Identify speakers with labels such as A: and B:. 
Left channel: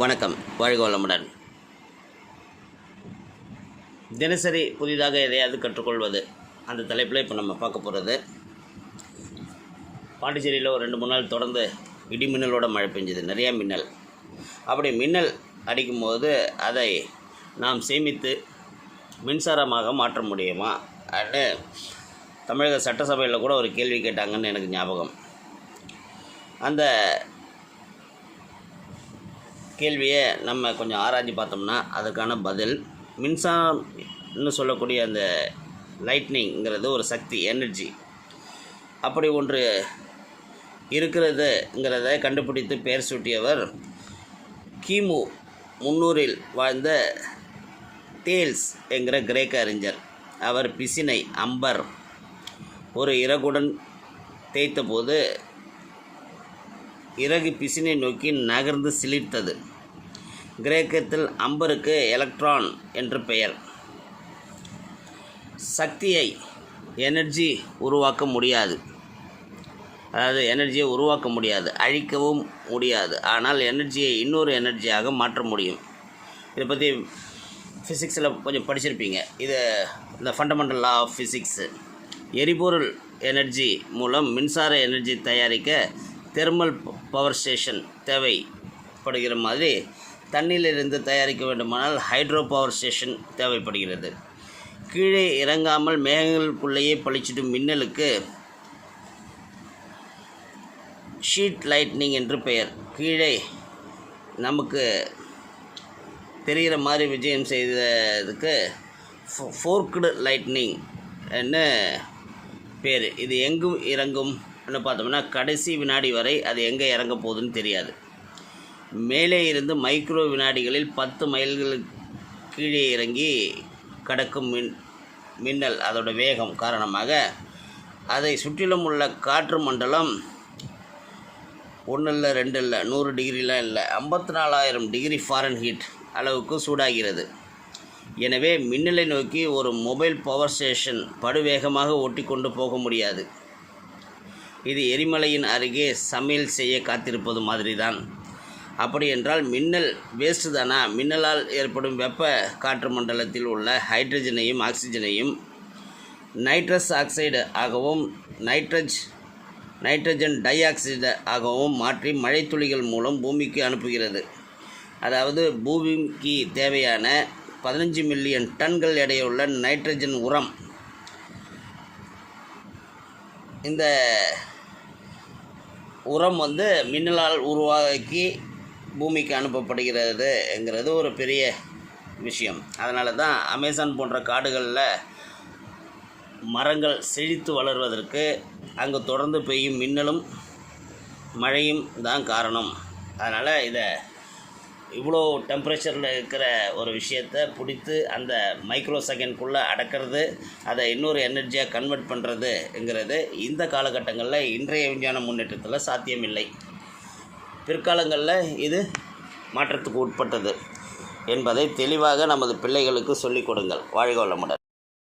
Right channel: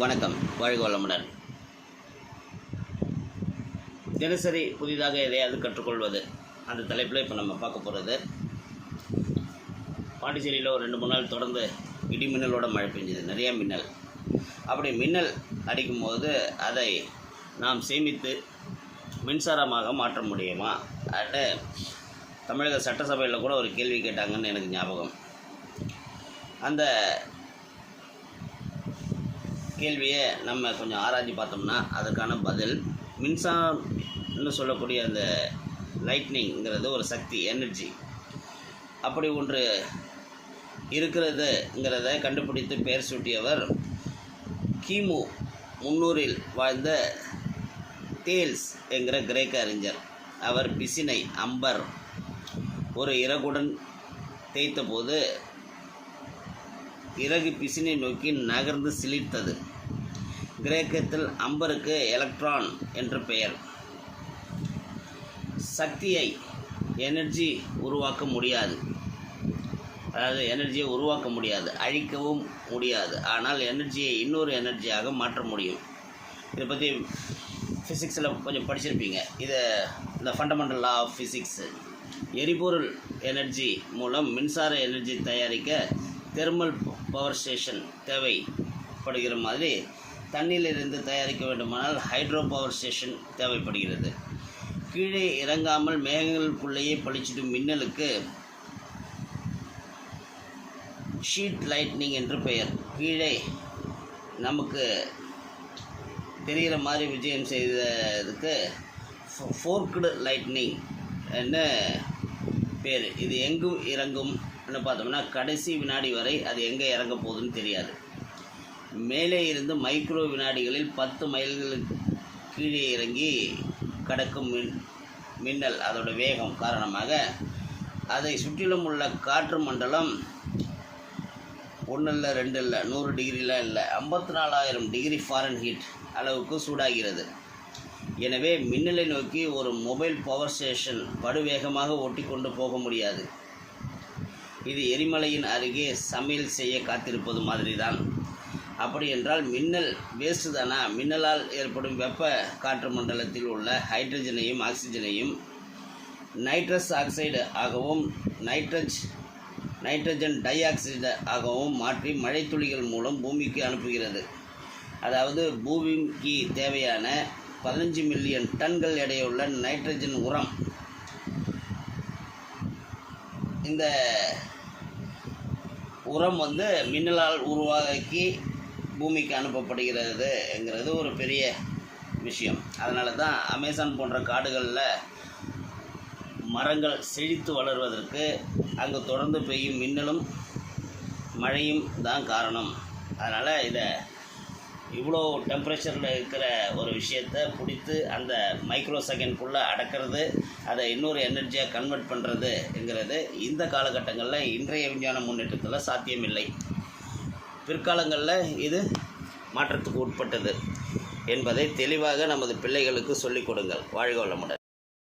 A: வணக்கம். வாழ்க வளமுடன். தினசரி புதிதாக எதையாவது கற்றுக்கொள்வது. அந்த தலைப்பில் இப்போ நம்ம பார்க்க போகிறது பாண்டிச்சேரியில் ஒரு ரெண்டு மூணு நாள் தொடர்ந்து இடி மின்னலோட மழை பெஞ்சது. நிறையா மின்னல். அப்படி மின்னல் அடிக்கும்போது அதை நாம் சேமித்து மின்சாரமாக மாற்ற முடியுமா? அப்படின்னு தமிழக சட்டசபையில் கூட ஒரு கேள்வி கேட்டாங்கன்னு எனக்கு ஞாபகம். அந்த கேள்வியை நம்ம கொஞ்சம் ஆராய்ஞ்சு பார்த்தோம்னா அதுக்கான பதில் மின்சாரம்னு சொல்லக்கூடிய அந்த லைட்னிங்கிறது ஒரு சக்தி எனர்ஜி அப்படி ஒன்று இருக்கிறதுங்கிறத கண்டுபிடித்து பெயர் சூட்டியவர் கிமு முன்னூறில் வாழ்ந்த தேல்ஸ் என்கிற கிரேக்க அறிஞர். அவர் பிசினை அம்பர் ஒரு இறகுடன் தேய்த்தபோது இறகு பிசினை நோக்கி நகர்ந்து சிலிர்த்தது. கிரேக்கத்தில் அம்பருக்கு எலக்ட்ரான் என்று பெயர். சக்தியை எனர்ஜி உருவாக்க முடியாது. அதாவது எனர்ஜியை உருவாக்க முடியாது அழிக்கவும் முடியாது. ஆனால் எனர்ஜியை இன்னொரு எனர்ஜியாக மாற்ற முடியும். இதை பற்றி ஃபிசிக்ஸில் கொஞ்சம் படிச்சிருப்பீங்க. இது இந்த ஃபண்டமெண்டல் லா ஆஃப் ஃபிசிக்ஸு எரிபொருள் எனர்ஜி மூலம் மின்சார எனர்ஜி தயாரிக்க தெர்மல் பவர் ஸ்டேஷன் தேவைப்படுகிற மாதிரி தண்ணியிலிருந்து தயாரிக்க வேண்டுமானால் ஹைட்ரோ பவர் ஸ்டேஷன் தேவைப்படுகிறது. கீழே இறங்காமல் மேகங்களுக்குள்ளேயே பளிச்சிடும் மின்னலுக்கு ஷீட் லைட்னிங் என்று பெயர். கீழே நமக்கு தெரிகிற மாதிரி விஜயம் செய்ததுக்கு ஃபோர்க்டு லைட்னிங் என்ன பேர் இது எங்கும் என்ன பார்த்தோம்னா கடைசி வினாடி வரை அது எங்கே இறங்க போகுதுன்னு தெரியாது. மேலே இருந்து மைக்ரோ வினாடிகளில் பத்து மைல்களுக்கு கீழே இறங்கி கடக்கும் மின் மின்னல் அதோட வேகம் காரணமாக அதை சுற்றிலும் உள்ள காற்று மண்டலம் ஒன்று இல்லை ரெண்டு இல்லை நூறு டிகிரிலாம் இல்லை ஐம்பத்தி நாலாயிரம் டிகிரி ஃபாரன் ஹீட் அளவுக்கு சூடாகிறது. எனவே மின்னலை நோக்கி ஒரு மொபைல் பவர் ஸ்டேஷன் படுவேகமாக ஓட்டி கொண்டு போக முடியாது. இது எரிமலையின் அருகே சமையல் செய்ய காத்திருப்பது மாதிரி தான் அப்படி என்றால் மின்னல் வேஸ்ட்டு தானா மின்னலால் ஏற்படும் வெப்ப காற்று மண்டலத்தில் உள்ள ஹைட்ரஜனையும் ஆக்சிஜனையும் நைட்ரஸ் ஆக்சைடு ஆகவும் நைட்ரஜ் நைட்ரஜன் டை ஆக்சைடு ஆகவும் மாற்றி மழைத்துளிகள் மூலம் பூமிக்கு அனுப்புகிறது. அதாவது பூமிக்கு தேவையான பதினஞ்சு மில்லியன் டன்கள் எடையுள்ள நைட்ரஜன் உரம். இந்த உரம் வந்து மின்னலால் உருவாக்கி பூமிக்கு அனுப்பப்படுகிறதுங்கிறது ஒரு பெரிய விஷயம். அதனால தான் அமேசான் போன்ற காடுகளில் மரங்கள் செழித்து வளர்வதற்கு அங்கே தொடர்ந்து பெய்யும் மின்னலும் மழையும் தான் காரணம். அதனால் இதை இவ்வளோ டெம்பரேச்சரில் இருக்கிற ஒரு விஷயத்தை பிடித்து அந்த மைக்ரோ செகண்ட்குள்ளே அடக்கிறது அதை இன்னொரு எனர்ஜியாக கன்வெர்ட் பண்ணுறதுங்கிறது இந்த காலகட்டங்களில் இன்றைய விஞ்ஞான முன்னேற்றத்தில் சாத்தியமில்லை. பிற்காலங்களில் இது மாற்றத்துக்கு உட்பட்டது என்பதை தெளிவாக நமது பிள்ளைகளுக்கு சொல்லிக் கொடுங்கள். வாழ்க வளமுடன்.